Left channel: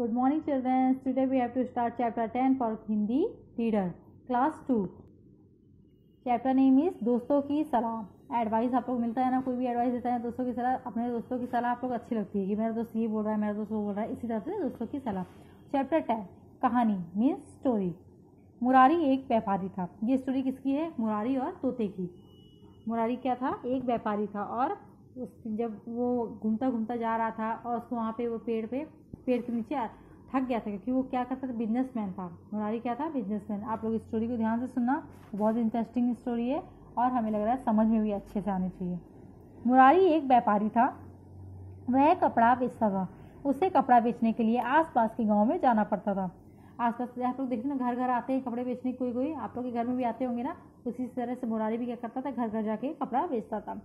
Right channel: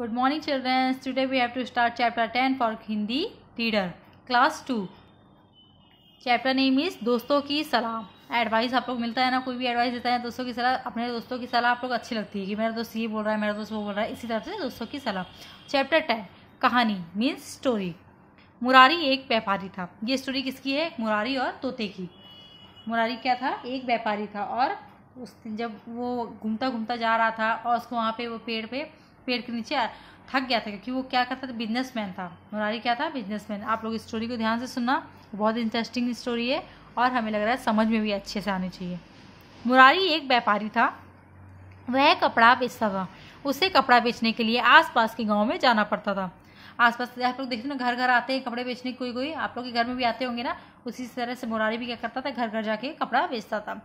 Good morning children. Today we have to start chapter 10 for Hindi reader class 2. Chapter name is दोस्तों की सलाह. Advice आप लोग मिलता है ना, कोई भी एडवाइस देता है दोस्तों की सलाह, अपने दोस्तों की सलाह आप लोग अच्छी लगती है कि मेरा दोस्त ये बोल रहा है, मेरा दोस्त वो बोल रहा है, इसी तरह से दोस्तों की सलाह. चैप्टर 10 कहानी मीन्स स्टोरी. मुरारी एक व्यापारी था. ये स्टोरी किसकी है? मुरारी और तोते की. मुरारी क्या था? एक व्यापारी था और जब वो घूमता घूमता जा रहा था और उसको वहाँ पे वो पेड़ के नीचे थक गया था, क्योंकि वो क्या करता था, बिजनेसमैन था. मुरारी क्या था? बिजनेसमैन. आप लोग इस स्टोरी को ध्यान से सुनना, बहुत इंटरेस्टिंग स्टोरी है और हमें लग रहा है समझ में भी अच्छे से आनी चाहिए. मुरारी एक व्यापारी था. वह कपड़ा बेचता था. उसे कपड़ा बेचने के लिए आसपास के गांव में जाना पड़ता था. आसपास आप लोग देखते ना, घर घर आते हैं कपड़े बेचने. कोई आप लोग के घर में भी आते होंगे ना. उसी तरह से मुरारी भी क्या करता था, घर घर जाके कपड़ा बेचता था.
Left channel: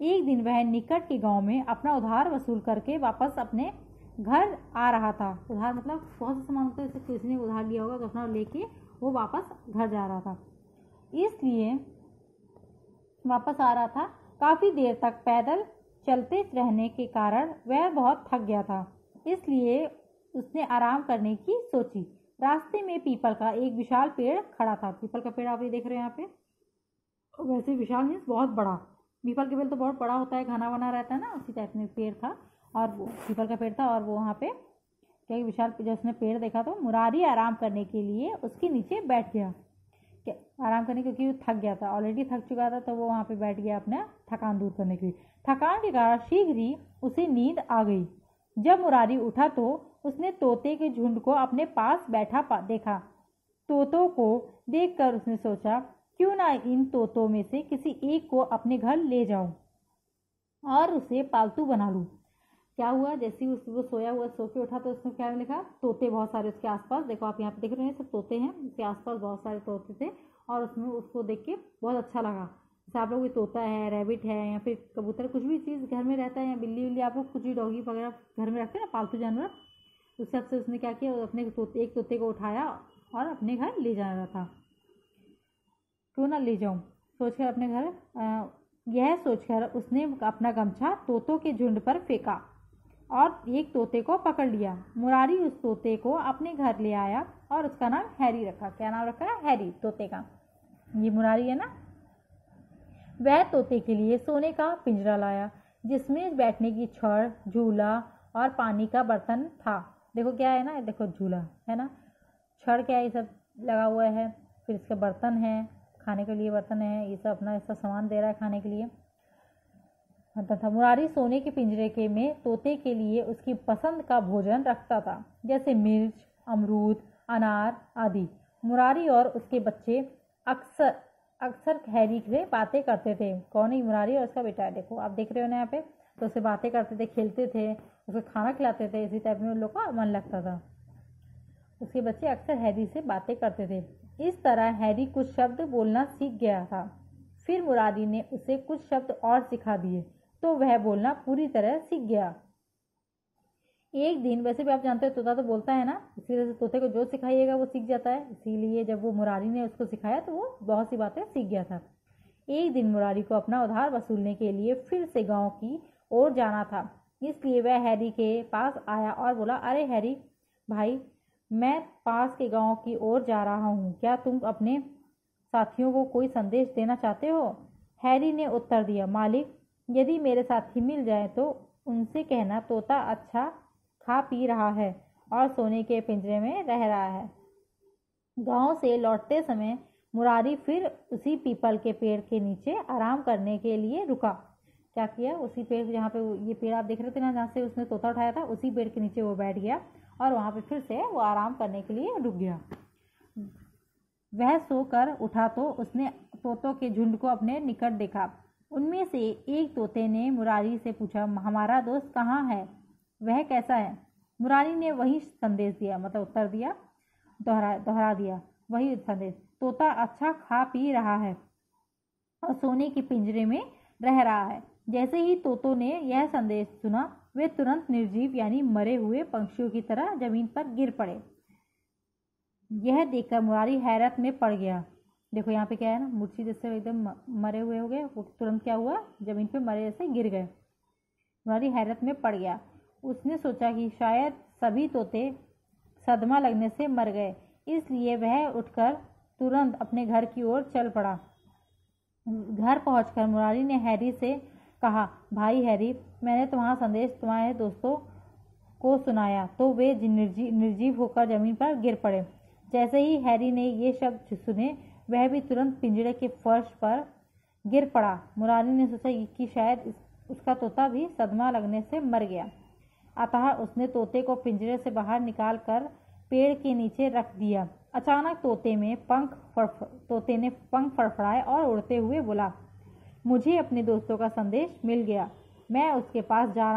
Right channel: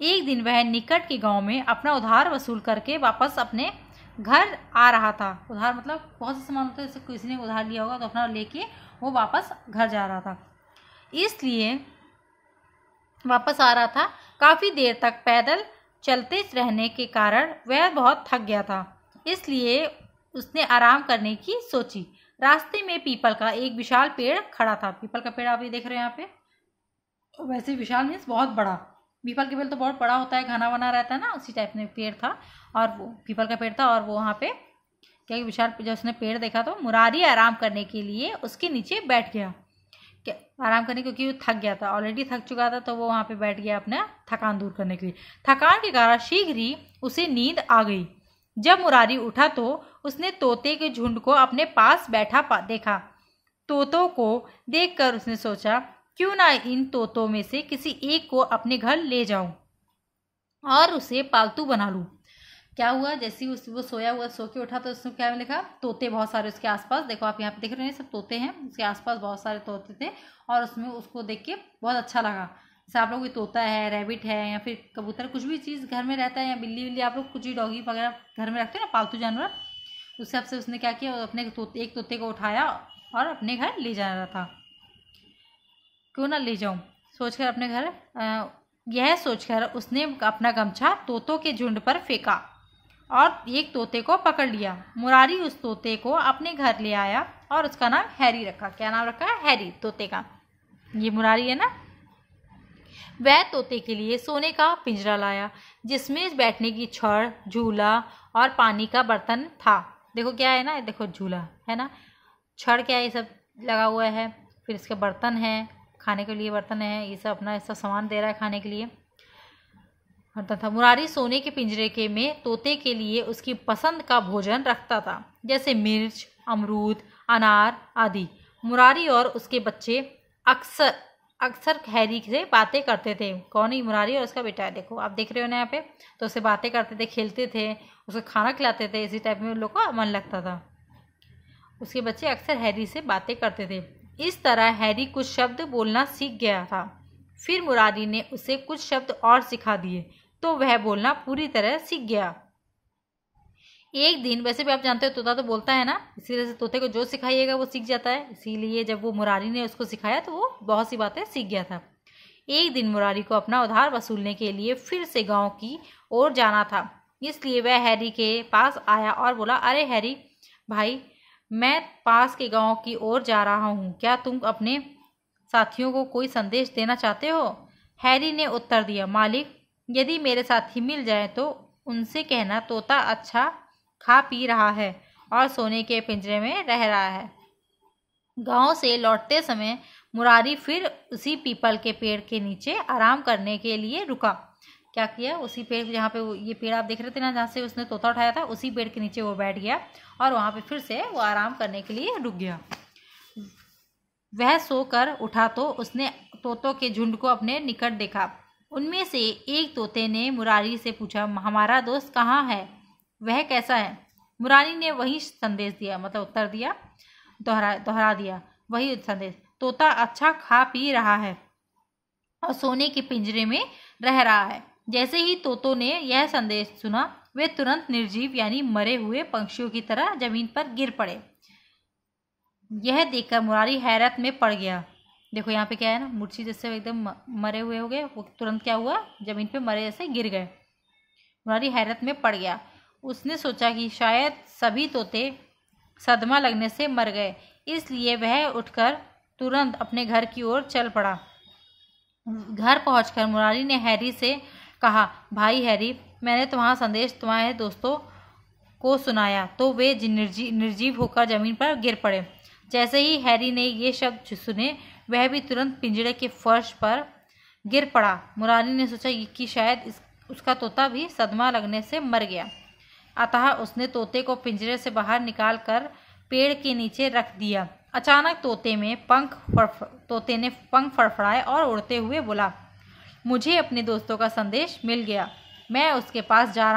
एक दिन वह निकट के गाँव में अपना उधार वसूल करके वापस अपने घर आ रहा था. उधार मतलब बहुत से सामान होते हैं, जैसे किसी ने उधार लिया होगा तो अपना लेके वो वापस घर जा रहा था. इसलिए वापस आ रहा था. काफ़ी देर तक पैदल चलते रहने के कारण वह बहुत थक गया था. इसलिए उसने आराम करने की सोची. रास्ते में पीपल का एक विशाल पेड़ खड़ा था. पीपल का पेड़ आप ये देख रहे हो यहाँ पे. वैसे विशाल मीन्स बहुत बड़ा. पीपल का पेड़ तो बहुत बड़ा होता है, घना बना रहता है ना, उसी टाइप में पेड़ था. और वो पीपल का पेड़ था और वो वहाँ पे क्या विशाल, जब उसने पेड़ देखा तो मुरारी आराम करने के लिए उसके नीचे बैठ गया. क्या आराम करने, क्योंकि वो थक गया था, ऑलरेडी थक चुका था, तो वो वहाँ पे बैठ गया अपना थकान दूर करने के लिए. थकान के कारण शीघ्र ही उसे नींद आ गई. जब मुरारी उठा तो उसने तोते के झुंड को अपने पास बैठा देखा. तोतों को देखकर उसने सोचा, क्यों ना इन तोतों में से किसी एक को अपने घर ले जाऊं और उसे पालतू बना लूं. क्या हुआ, जैसे ही वो सोया हुआ, सो के उठा तो उसने क्या लिखा, तोते बहुत सारे उसके आसपास. देखो आप यहाँ पे देख रहे हैं, सब तोते हैं. उसके आसपास बहुत सारे तोते थे और उसमें उसको देख के बहुत अच्छा लगा. जैसे आप लोग, तोता है, रैबिट है, या फिर कबूतर, कुछ भी चीज़ घर में रहता है, या बिल्ली विल्ली, आप लोग कुछ भी डॉगी वगैरह घर में रखते हो ना, पालतू जानवर. उस हिसाब से उसने क्या किया, अपने एक तोते को उठाया और अपने घर ले जा रहा था. क्यों ना ले जाऊं सोचकर अपने घर, यह सोचकर उसने अपना गमछा तोतों के झुंड पर फेंका और एक तोते को पकड़ लिया. मुरारी उस तोते को अपने घर ले आया और उसका नाम हैरी रखा. क्या नाम रखा? हैरी, तोते का. ये मुरारी है ना. वह तोते के लिए सोने का पिंजरा लाया, जिसमें बैठने की छड़, झूला और पानी का बर्तन था. देखो क्या है ना, देखो झूला है ना, छड़ क्या है, ये सब लगा हुआ है. फिर इसके बर्तन है, खाने के लिए बर्तन है, ये सब अपना ऐसा सामान दे रहा है खाने के लिए बर्तन था. मुरारी सोने के पिंजरे के में तोते के लिए उसकी पसंद का भोजन रखता था, जैसे मिर्च, अमरूद, अनार आदि. मुरारी और उसके बच्चे अक्सर हैरी से बातें करते थे. कौन है? मुरारी और उसका बेटा है. देखो आप देख रहे हो ना यहाँ पे. तो उससे बातें करते थे, खेलते थे, उसको खाना खिलाते थे. इसी टाइप में उन लोग का मन लगता था. उसके बच्चे अक्सर हैरी से बातें करते थे. इस तरह हैरी कुछ शब्द बोलना सीख गया था. फिर मुरारी ने उसे कुछ शब्द और सिखा दिए तो वह बोलना पूरी तरह सीख गया. एक दिन, वैसे भी आप जानते हो तोता तो बोलता है ना, इसी तरह से तोते को जो सिखाइएगा वो सीख जाता है. इसीलिए जब वो मुरारी ने उसको सिखाया तो वो बहुत सी बातें सीख गया था. एक दिन मुरारी को अपना उधार वसूलने के लिए फिर से गाँव की ओर जाना था. इसलिए वह हैरी के पास आया और बोला, अरे हैरी भाई, मैं पास के गांव की ओर जा रहा हूँ. क्या तुम अपने साथियों को कोई संदेश देना चाहते हो? हैरी ने उत्तर दिया, मालिक, यदि मेरे साथी मिल जाए तो उनसे कहना तोता अच्छा खा पी रहा है और सोने के पिंजरे में रह रहा है. गांव से लौटते समय मुरारी फिर उसी पीपल के पेड़ के नीचे आराम करने के लिए रुका. क्या किया? उसी पेड़, जहाँ पे ये पेड़ आप देख रहे थे ना, जहाँ से उसने तोता उठाया था, उसी पेड़ के नीचे वो बैठ गया और वहाँ पे फिर से वो आराम करने के लिए रुक गया. वह सोकर उठा तो उसने तोतों के झुंड को अपने निकट देखा. उनमें से एक तोते ने मुरारी से पूछा, हमारा दोस्त कहाँ है? वह कैसा है? मुरारी ने वही संदेश दिया, मतलब उत्तर दिया, दोहरा दिया वही संदेश. तोता अच्छा खा पी रहा है और सोने के पिंजरे में रह रहा है. जैसे ही तोतों ने यह संदेश सुना, वे तुरंत निर्जीव यानी मरे हुए पक्षियों की तरह जमीन पर गिर पड़े. यह देखकर मुरारी हैरत में पड़ गया. देखो यहाँ पे क्या है ना, मूर्छित जैसे एकदम मरे हुए हो गए, वो तुरंत क्या हुआ, जमीन पे मरे जैसे गिर गए. मुरारी हैरत में पड़ गया. उसने सोचा कि शायद सभी तोते सदमा लगने से मर गए, इसलिए वह उठकर तुरंत अपने घर की ओर चल पड़ा। घर पहुंचकर मुरारी ने हैरी से कहा, भाई हैरी, मैंने तुम्हारा संदेश तुम्हारे दोस्तों को सुनाया तो वे निर्जीव होकर जमीन पर गिर पड़े। जैसे ही हैरी ने ये शब्द सुने वह भी तुरंत पिंजरे के फर्श पर गिर पड़ा। मुरारी ने सोचा कि शायद उसका तोता भी सदमा लगने से मर गया, अतः उसने तोते को पिंजरे से बाहर निकालकर पेड़ के नीचे रख दिया। अचानक तोते ने पंख फड़फड़ाए और उड़ते हुए बोला, मुझे अपने दोस्तों का संदेश मिल गया, मैं उनके पास जा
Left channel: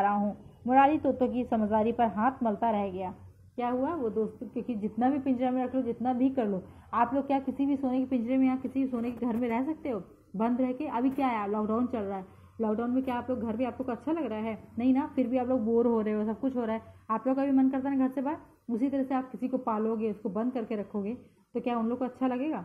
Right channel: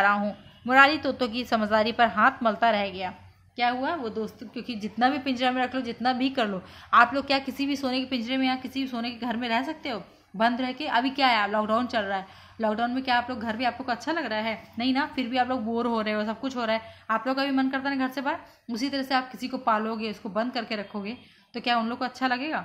रहा हूँ। मुरारी तोतों की समझदारी पर हाथ मलता रह गया। क्या हुआ, वो दोस्तों, क्योंकि जितना भी पिंजरा में रख लो, जितना भी कर लो, आप लोग क्या किसी भी सोने के पिंजरे में या किसी भी सोने के घर में रह सकते हो बंद रह के? अभी क्या है, लॉकडाउन चल रहा है, लॉकडाउन में क्या आप लोग घर भी आप लोग को अच्छा लग रहा है? नहीं ना, फिर भी आप लोग बोर हो रहे हो, सब कुछ हो रहा है, आप लोग का भी मन करता है घर से बाहर। उसी तरह से आप किसी को पालोगे, उसको बंद करके रखोगे तो क्या उन लोग को अच्छा लगेगा?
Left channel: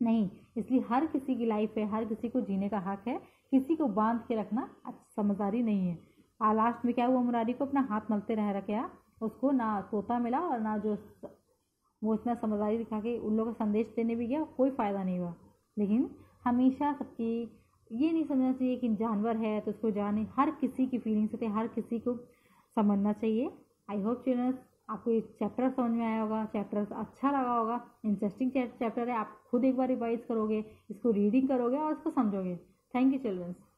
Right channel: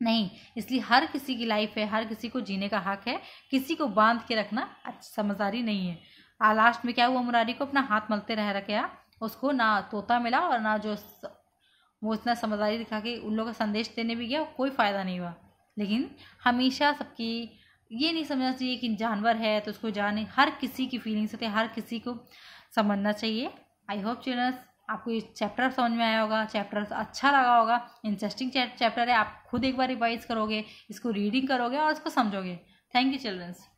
नहीं। इसलिए हर किसी की लाइफ है, हर किसी को जीने का हक है, किसी को बांध के रखना समझदारी नहीं है। लास्ट में क्या हुआ, मुरारी को अपना हाथ मलते रह गया, उसको ना तोता मिला और ना जो वो इतना समझदारी दिखा के उन लोगों का संदेश देने भी गया, कोई फ़ायदा नहीं हुआ। लेकिन हमेशा सबकी ये नहीं समझना चाहिए कि जानवर है तो उसको जाने, हर किसी की फीलिंग्स होती है, हर किसी को समझना चाहिए। आई होप चिल्ड्रंस आपको ये चैप्टर समझ में आया होगा, चैप्टर अच्छा लगा होगा, इंटरेस्टिंग चैप्टर है। आप खुद एक बार रिवाइज करोगे, इसको रीडिंग करोगे और इसको समझोगे। Thank you children's.